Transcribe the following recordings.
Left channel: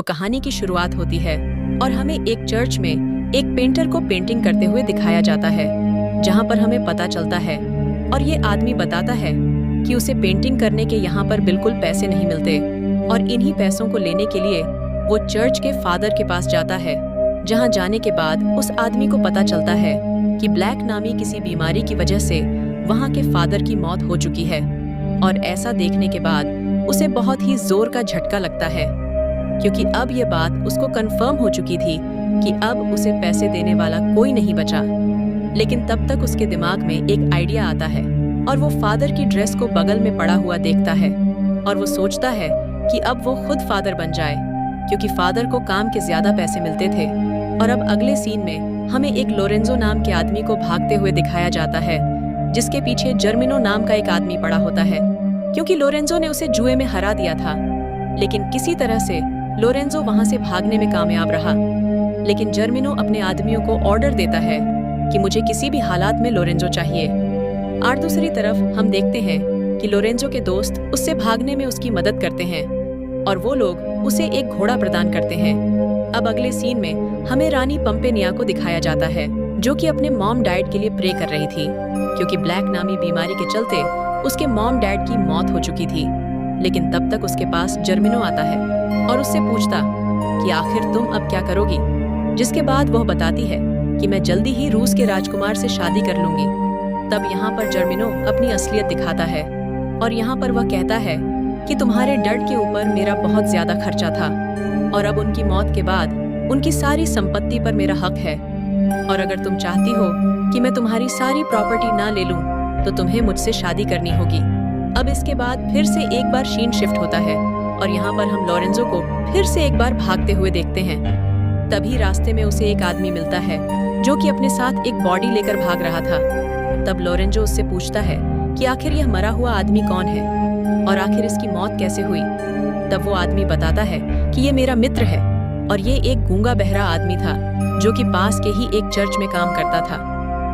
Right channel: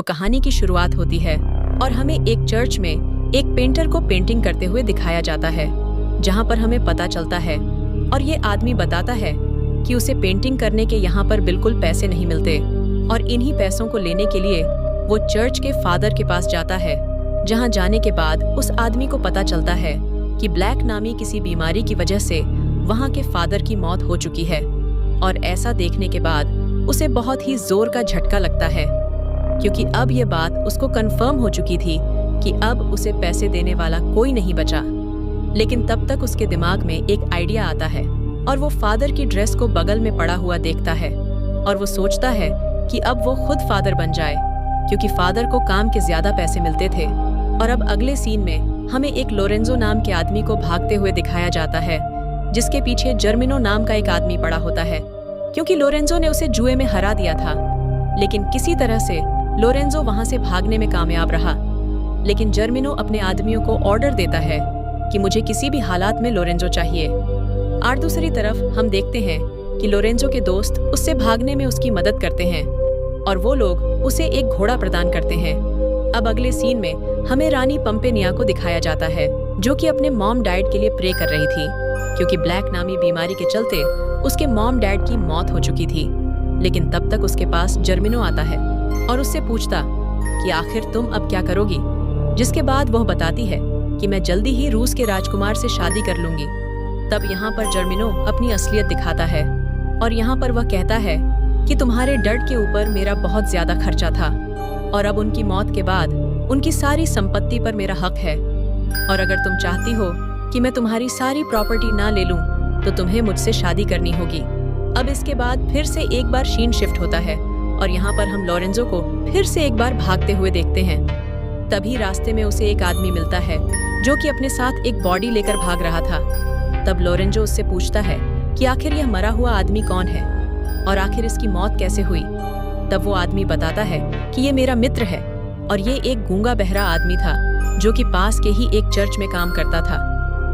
तो कहानी की शुरुआत होती है और हमें एक चर्च में एक पेंटर को पेंटिंग करते हुए दिखाया जाता है, जहां पर हमें पता चलता है और ये आदमी बताता है कि उसे पेंटिंग करने के यहाँ पर बिल्कुल पैसे नहीं मिलते और इन्हीं पैसों को लेने के लिए वो चर्च के फादर के पास जाता है, जहां जाने के बाद उस आदमी को पता चलता है कि ब्लैक नामी किसी बीमारी की वजह से वहां के फादर की मौत हो चुकी है। और ऐसा देखने के बाद उसे बहुत ही जोर का झटका लगता है, क्योंकि अब ये बात उसको कंफर्म हो चुकी थी कि अब उसे पैसे देने वाला कोई नहीं बचा। लेकिन तब तक उसके दिमाग में एक आइडिया आता है और वो फादर की ड्रेस को बगल में पड़ा हुआ देखता है और वो सोचता है कि अब वो खुद फादर बन जाए, क्योंकि फादर को काम के ज्यादा पैसे मिलते थे। और अब अगले सीन में हमें एक लोरेंजो नाम के आदमी को भागते हुए दिखाया जाता है, जिसके पीछे जर्मिनो नाम का एक आदमी पड़ा होता है, क्योंकि लोरेंजो ने उसे जुए में हरा दिया था। लेकिन किसी तरह से लोरेंजो वहां से भागने में कामयाब रहा। लेकिन जर्मिनो अपने आदमियों को ऑर्डर देता है कि मुझे किसी भी हालात में लोरेंजो चाहिए। और दूसरी तरफ हम देखते हैं कि लोरेंजो के दोस्त उससे भागने में उसकी मदद करते हैं और वो लोग उसे एक घोड़ा प्रदान करते हैं। अब अगले सीन में हमें रानी पंपेनिया को दिखाया जाता है, जो कि अपने मॉम डैड के लिए प्रे कर रही थी, क्योंकि ब्लैक नामी बीमारी के चलते उसके मॉम डैड की मौत हो चुकी थी। लेकिन तब तक उसके पास जर्मिनो आता है और उससे पूछता कि आखिर तुम अब क्या करोगी, जिसके बाद वह बताती है कि मैं जल्दी ही रूस के राजकुमार से शादी कर लूंगी। तब यहाँ पर जर्मिनो अपनी असलियत दिखाता है और यहाँ पर वह कहता है कि तुम्हारे डैड के ऊपर मेरा बहुत ज्यादा खर्चा था और अब उनकी मौत के बाद उनकी सारी संपत्ति पर मेरा हक है, और अगर तुम चाहती हो कि मैं तुम्हारी सारी प्रॉपर्टी ना ले लूं तो तुम्हें मुझसे शादी करनी होगी। अब इसके बाद फिर से एक बार सीन शिफ्ट होता है और यहाँ पर हम लोरेंजो को फिर से एक बार भागते हुए देखते हैं। तभी रास्ते में उसे एक आदमी मिलता है जो कि अपने साथ एक बॉडी लेकर भाग रहा था। तब लोरेंजो उससे पूछता है कि आखिर यह मरा हुआ आदमी कौन है और आखिर इसकी मौत कैसे हुई। तब वो आदमी बताता है कि ये मेरा मित्र है और ये एक गूंगा बहरा आदमी था जो कि पास के ही एक चर्च में काम करता था।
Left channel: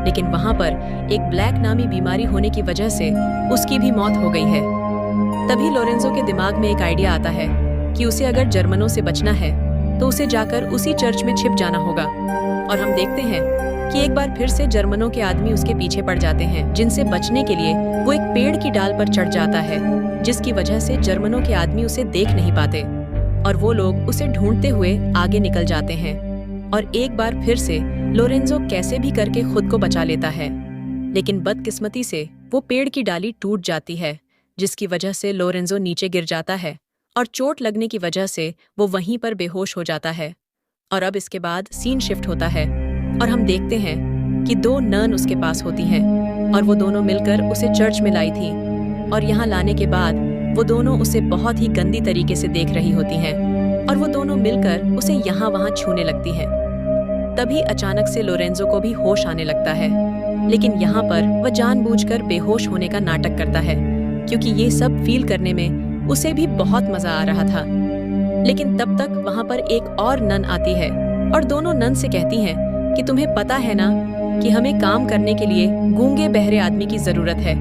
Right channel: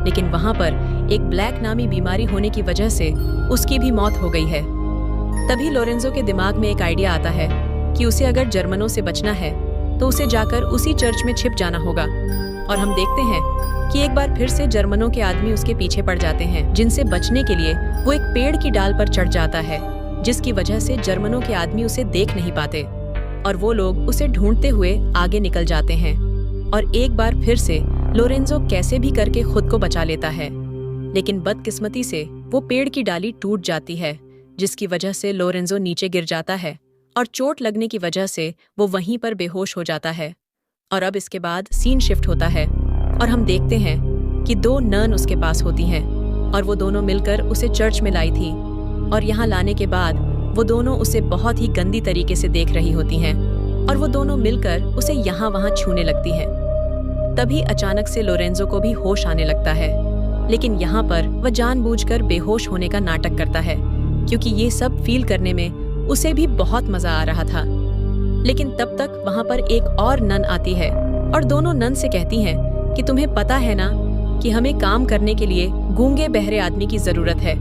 लेकिन वहां पर एक ब्लैक नामी बीमारी होने की वजह से उसकी भी मौत हो गई है। तभी लोरेंजो के दिमाग में एक आइडिया आता है कि उसे अगर जर्मनों से बचना है तो उसे जाकर उसी चर्च में छिप जाना होगा। और हम देखते हैं कि एक बार फिर से जर्मनों के आदमी उसके पीछे पड़ जाते हैं, जिनसे बचने के लिए वो एक पेड़ की डाल पर चढ़ जाता है, जिसकी वजह से जर्मनों के आदमी उसे देख नहीं पाते और वो लोग उसे ढूंढते हुए आगे निकल जाते हैं। और एक बार फिर से लोरेंजो कैसे भी करके खुद को बचा लेता है, लेकिन बदकिस्मती से वो पेड़ की डाली टूट जाती है, जिसकी वजह से लोरेंजो नीचे गिर जाता है और चोट लगने की वजह से वो वहीं पर बेहोश हो जाता है। और अब इसके बाद सीन शिफ्ट होता है और हम देखते हैं कि दो नन उसके पास होती हैं और वो दोनों मिलकर उसे चर्च में लाई थी। और यहाँ लाने के बाद वो दोनों उसे बहुत ही गंदी तरीके से देख रही होती हैं और वो दोनों मिलकर उसे यहाँ वहाँ छूने लगती हैं। तभी अचानक से लोरेंजो को भी होश आने लगता है, लेकिन यहाँ पर वह जानबूझकर बेहोश होने का नाटक करता है, क्योंकि ये सब फील करने में उसे भी बहुत मजा आ रहा था। लेकिन तब तक वहाँ पर एक और नन आती है और दोनों नन से कहती हैं कि तुम्हें पता है ना कि हमें काम करने के लिए गूंगे बहरे आदमी की जरूरत है।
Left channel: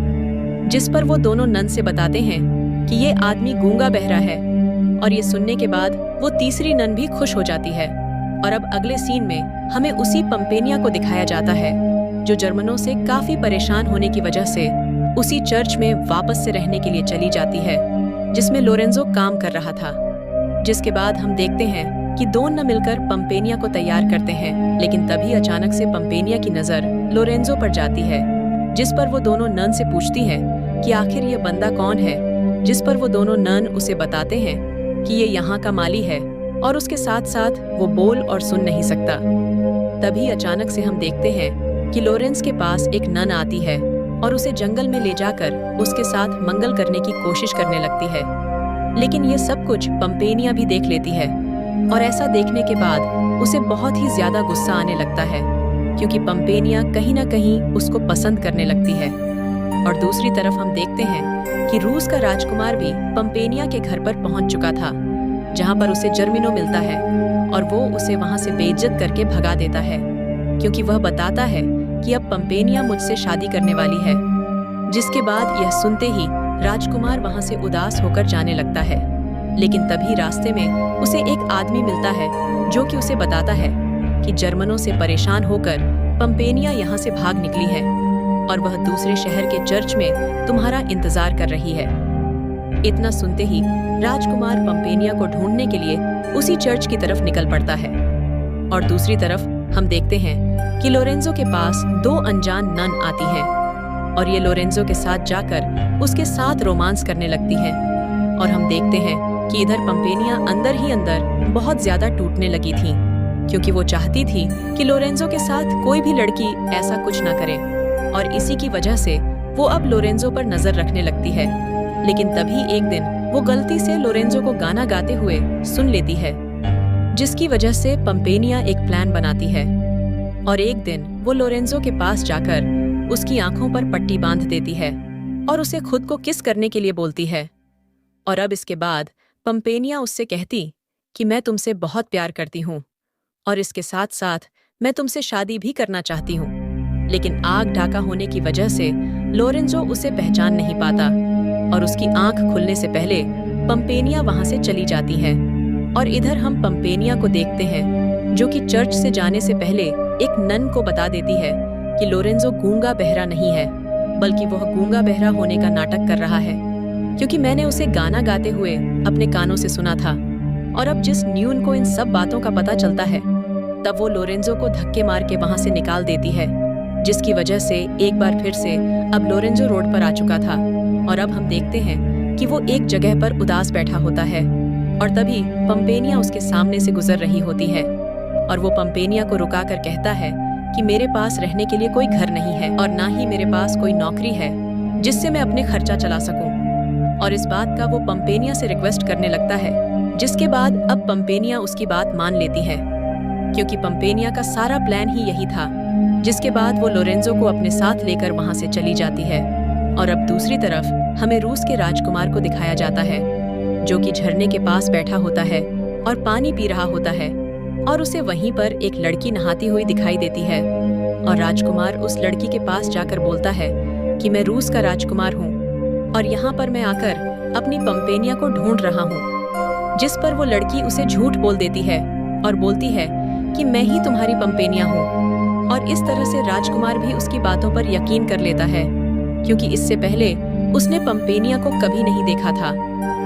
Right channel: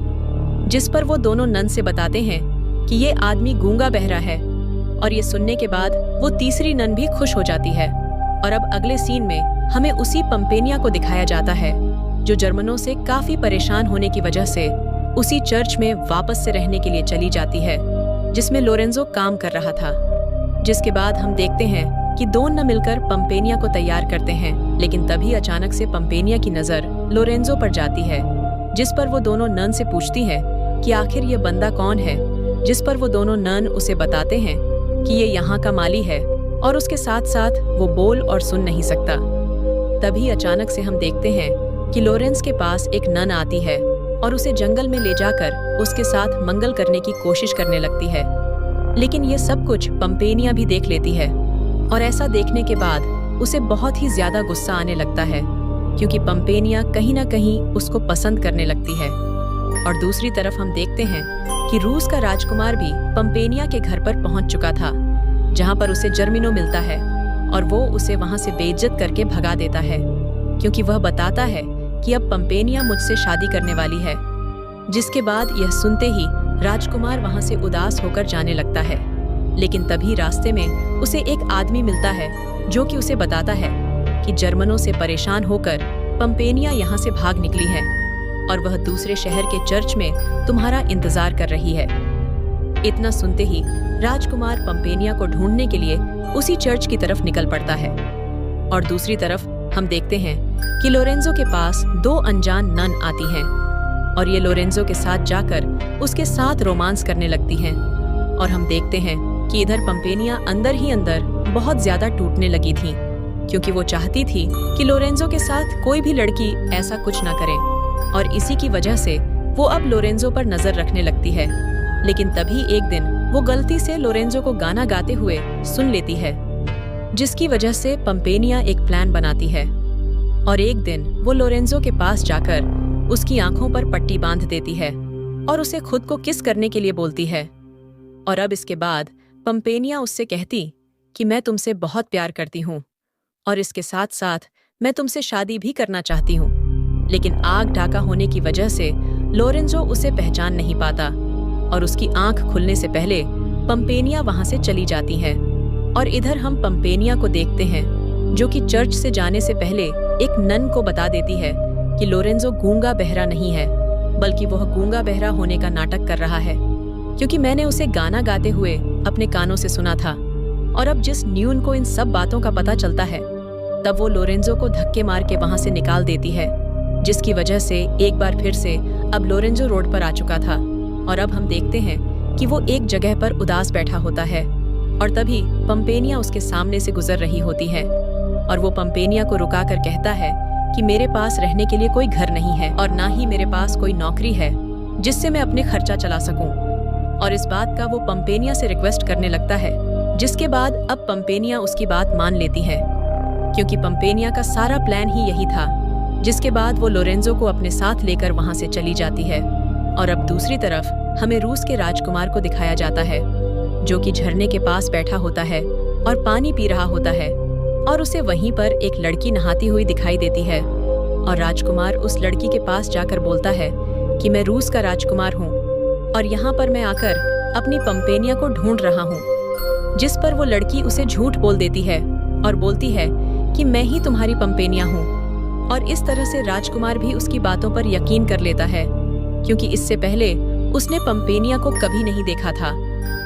जिस पर वो दोनों नन से बताते हैं कि ये आदमी गूंगा बहरा है। और ये सुनने के बाद वो तीसरी नन भी खुश हो जाती है। और अब अगले सीन में हमें उसी पंपेनिया को दिखाया जाता है, जो जर्मनों से काफी परेशान होने की वजह से उसी चर्च में वापस से रहने के लिए चली जाती है, जिसमें लोरेंजो काम कर रहा था। जिसके बाद हम देखते हैं कि दोनों न मिलकर पंपेनिया को तैयार करते हैं, लेकिन तभी अचानक से पंपेनिया की नजर लोरेंजो पर जाती है, जिस पर वो दोनों नन से पूछती है कि आखिर ये बंदा कौन है, जिस पर वो दोनों नन उसे बताते हैं कि ये यहाँ का माली है और उसके साथ साथ वो बोल और सुन नहीं सकता। तभी अचानक से हम देखते हैं कि लोरेंस के पास एक नन आती है और उसे जंगल में ले जाकर उसके साथ मंगल करने की कोशिश करने लगती है। लेकिन ये सब कुछ पंपेनिया भी देख लेती है और ऐसा देखने के बाद उसे बहुत ही ज्यादा गुस्सा आने लगता है, क्योंकि पंपेनिया कहीं ना कहीं उसको पसंद करने लगती है। और दूसरी तरफ हम देखते हैं कि रूस का राजकुमार भी पंपेनिया के घर पर पहुंच चुका था, जहां पर उसे जर्मिनो मिलता है और वो उसे वहां से बेइज्जत करके भगा देता है, क्योंकि वह बताता है कि अब पंपेनिया मुझसे शादी करने वाली है। जिसके बाद यह सुनते ही राजकुमार वहां से उदास होकर जाने लगता है। लेकिन तभी रास्ते में उसे एक आदमी मिलता है जो कि उसे बताता है कि जर्मनों से परेशान होकर पंपेनिया यहाँ से भाग निकली है और वह दूसरे शहर के चर्च में तुम्हारा इंतजार कर रही है। इतना सुनते ही राजकुमार पंपेनिया को ढूंढने के लिए उसी चर्च की तरफ निकल पड़ता है। और दूसरी तरफ हम देखते हैं कि लोरेंजो के पास 2 अनजान नन आती हैं और ये लोरेंजो के साथ जाकर उसके साथ रोमांस करने लगती हैं। और हम देखते हैं कि इधर पंपेनिया अंदर ही अंदर बहुत ज्यादा टूटने लगी थी, क्योंकि वो चाहती थी कि लोरेंजो के साथ कोई भी लड़की ऐसा कुछ ना करे, और इसी की वजह से वो अब लोरेंजो पर नजर रखने लगती है। लेकिन तभी एक दिन वो गलती से लोरेंजो को गाना गाते हुए सुन लेती है, जिसकी वजह से पंपेनिया एक प्लान बनाती है और एक दिन वो लोरेंजो के पास जाकर उसकी आंखों पर पट्टी बांध देती है और उसे खुद को किस करने के लिए बोलती है। और अब इसके बाद पंपेनिया उससे कहती कि मैं तुमसे बहुत प्यार करती हूँ और इसके साथ साथ मैं तुमसे शादी भी करना चाहती हूँ। लेकिन आग ढाका होने की वजह से लोरेंजो उसे पहचान नहीं पाता और उसकी आंख खुलने से पहले पंपेनिया वहां से चली जाती है। और इधर हम पंपेनिया को देखते हैं जो कि चर्च से जाने से पहले एक नन को बता देती है कि लोरेंजो गूंगा बहरा नहीं है, बल्कि वह गूंगा बहरा होने का नाटक कर रहा है, क्योंकि मैंने उसे गाना गाते हुए अपने कानों से सुना था। और अब जिस न्यून को इन सब बातों का पता चलता है, तब वो लोरेंजो को धक्के मार के वहां से निकाल देती है, जिसकी वजह से एक बार फिर से अब लोरेंजो रोड पर आ चुका था। और अब हम देखते हैं कि वो एक जगह पर उदास बैठा होता है और तभी पंपेनिया उसके सामने से गुजर रही होती है और वो पंपेनिया को रुकाकर कहता है कि मेरे पास रहने के लिए कोई घर नहीं है और ना ही मेरे पास कोई नौकरी है जिससे मैं अपने खर्चा चला सकूं। और इस बात का वो पंपेनिया से रिक्वेस्ट करने लगता है, जिसके बाद अब पंपेनिया उसकी बात मान लेती है, क्योंकि पंपेनिया का सारा प्लान ही यही था। जिसके बाद वो लोरेंजो को अपने साथ लेकर वहां से चली जाती है। और अब दूसरी तरफ हमें रूस के राजकुमार को दिखाया जाता है, जो कि झरने के पास बैठा होता है और पानी पी रहा होता है और उसे वहीं पर एक लड़की नहाती हुई दिखाई देती है। और राजकुमार उस लड़की के पास जाकर बोलता है कि मैं रूस का राजकुमार हूँ और यहाँ पर मैं आकर अपनी पंपेनिया को ढूंढ रहा हूँ। जिस पर वो लड़की उसे झूठ बोल देती है और बोलती है कि मैं ही तुम्हारी पंपेनिया हूँ। और इस तरह से राजकुमार भी उसकी बातों पर यकीन कर लेता है, क्योंकि इससे पहले उसने पंपेनिया को कभी नहीं देखा था।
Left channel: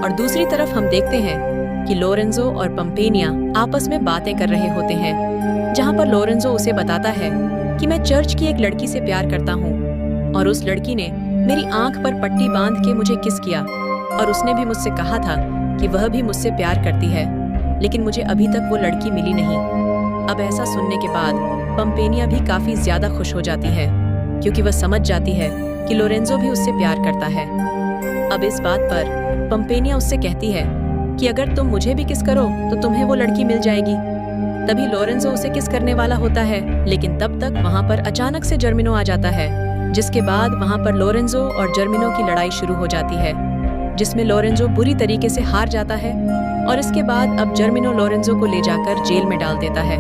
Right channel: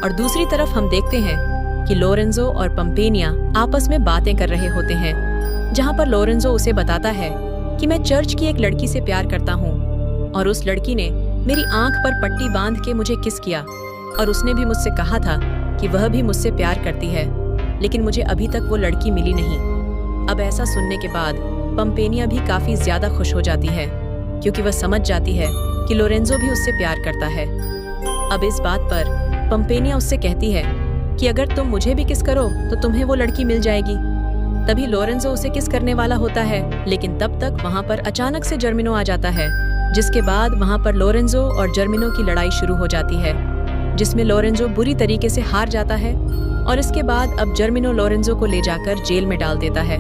और दूसरी तरफ हम देखते हैं कि लोरेंजो और पंपेनिया आपस में बातें कर रहे होते हैं, जहाँ पर लोरेंजो उसे बताता है कि मैं चर्च की एक लड़की से प्यार करता हूँ और उस लड़की ने मेरी आंख पर पट्टी बांध के मुझे किस किया और उसने भी मुझसे कहा था कि वह भी मुझसे प्यार करती है, लेकिन मुझे अभी तक वो लड़की मिली नहीं। अब ऐसा सुनने के बाद पंपेनिया भी काफी ज्यादा खुश हो जाती है, क्योंकि वह समझ जाती है कि लोरेंजो भी उससे प्यार करता है। अब इस बात पर पंपेनिया उससे कहती है कि अगर तुम मुझे भी किस करो तो तुम्हें वो लड़की मिल जाएगी। तभी लोरेंजो उसे किस करने वाला होता है, लेकिन तब तक वहाँ पर अचानक से जर्मिनो आ जाता है, जिसके बाद वहाँ पर लोरेंजो और जर्मिनो की लड़ाई शुरू हो जाती है, जिसमें लोरेंजो बुरी तरीके से हार जाता है। और इसके बाद अब जर्मिनो लोरेंजो को ले जाकर जेल में डाल देता है।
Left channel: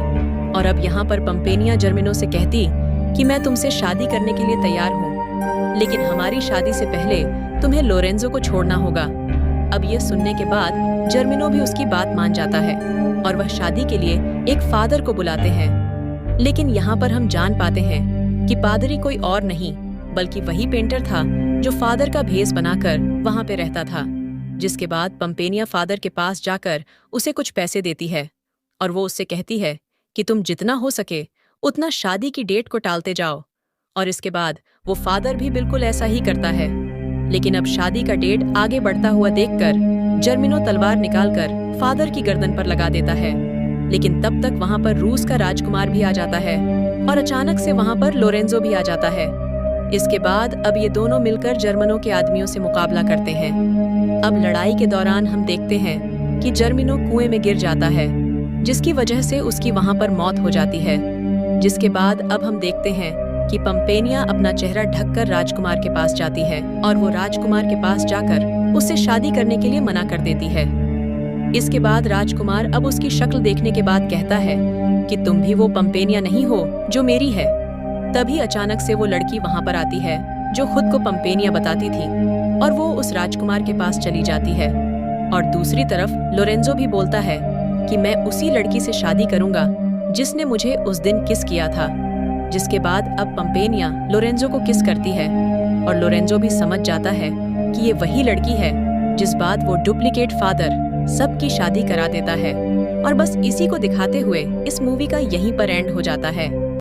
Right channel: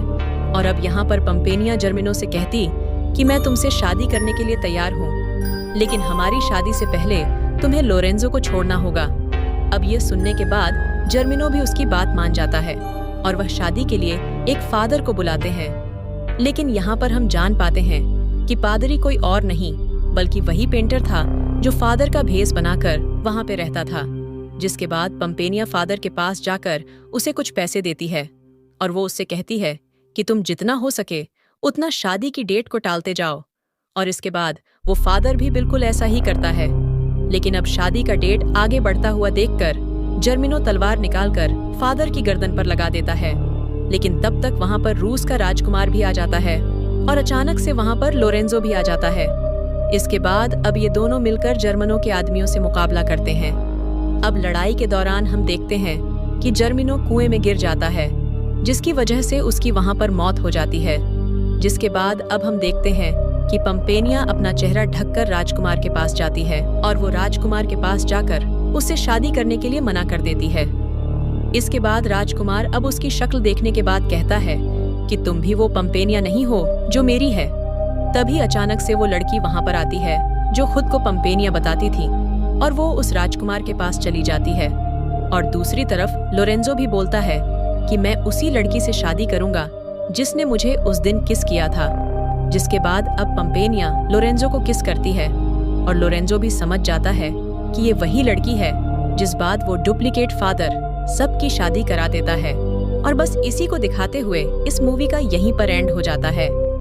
और अब यहाँ पर पंपेनिया जर्मिनो से कहती कि मैं तुमसे शादी करने के लिए तैयार हूँ, लेकिन हमारी शादी से पहले तुम्हें लोरेंजो को छोड़ना होगा। अब ये सुनने के बाद जर्मिनो भी उसकी बात मान जाता है और वह शादी के लिए एक फादर को बुलाते हैं। लेकिन यहाँ पर हम जान पाते हैं कि पादरी कोई और नहीं बल्कि वही पेंटर था जो फादर का भेष बनाकर वहाँ पे रहता था। जिसके बाद पंपेनिया फादर के पास जाकर उसे कुछ पैसे देती है और वो उससे कहती है कि तुम जितना हो सके उतना शादी की डेट को टालते जाओ। और इसके बाद वो फादर भी बिल्कुल ऐसा ही करता है। लेकिन अब शादी का डेट आगे बढ़ता हुआ देखकर जर्मिनो तलवार निकालकर फादर की गर्दन पर लगा देता है। लेकिन तब तक वहाँ पर रूस का राजकुमार भी आ जाता है और अचानक से वहाँ पर लोरेंजो भी आ जाता है। इसके बाद अब ये दोनों मिलकर जर्मनों के आदमियों से मुकाबला करते हैं। अब लड़ाई के दौरान हम देखते हैं कि जर्मिनो कुएं में गिर जाता है, जिसकी वजह से उसकी वहाँ पर मौत हो जाती है। जिसके बाद अब हम देखते हैं कि पंपेनिया अपना चेहरा ढककर राजकुमार के पास जाती है और वो राजकुमार के पास जाकर उससे शादी करने के लिए मना कर देती है। इसके बाद राजकुमार अब उसकी शक्ल देखने के बाद कहता है कि तुम भी वो पंपेनिया नहीं हो जो मेरी है। तभी अचानक से वो लड़की वहाँ पर आती है जो खुद को पंपेनिया बताती थी और वो उस राजकुमार के पास चली जाती है। और दूसरी तरफ लोरेंजो भी बोलता है कि मैं उसी लड़की से शादी करूंगा जिसने मुझे उस दिन किस किया था। जिसके बाद अब पंपेनिया लोरेंजो को किस करती है और लोरेंजो भी समझ जाता है कि ये वही लड़की है जिस बाद वो डुप्लीकेट फादर सबकी शादी करा देता है। और बस इसी को दिखाते हुए इस मूवी का यहीं पर एंड हो जाता है।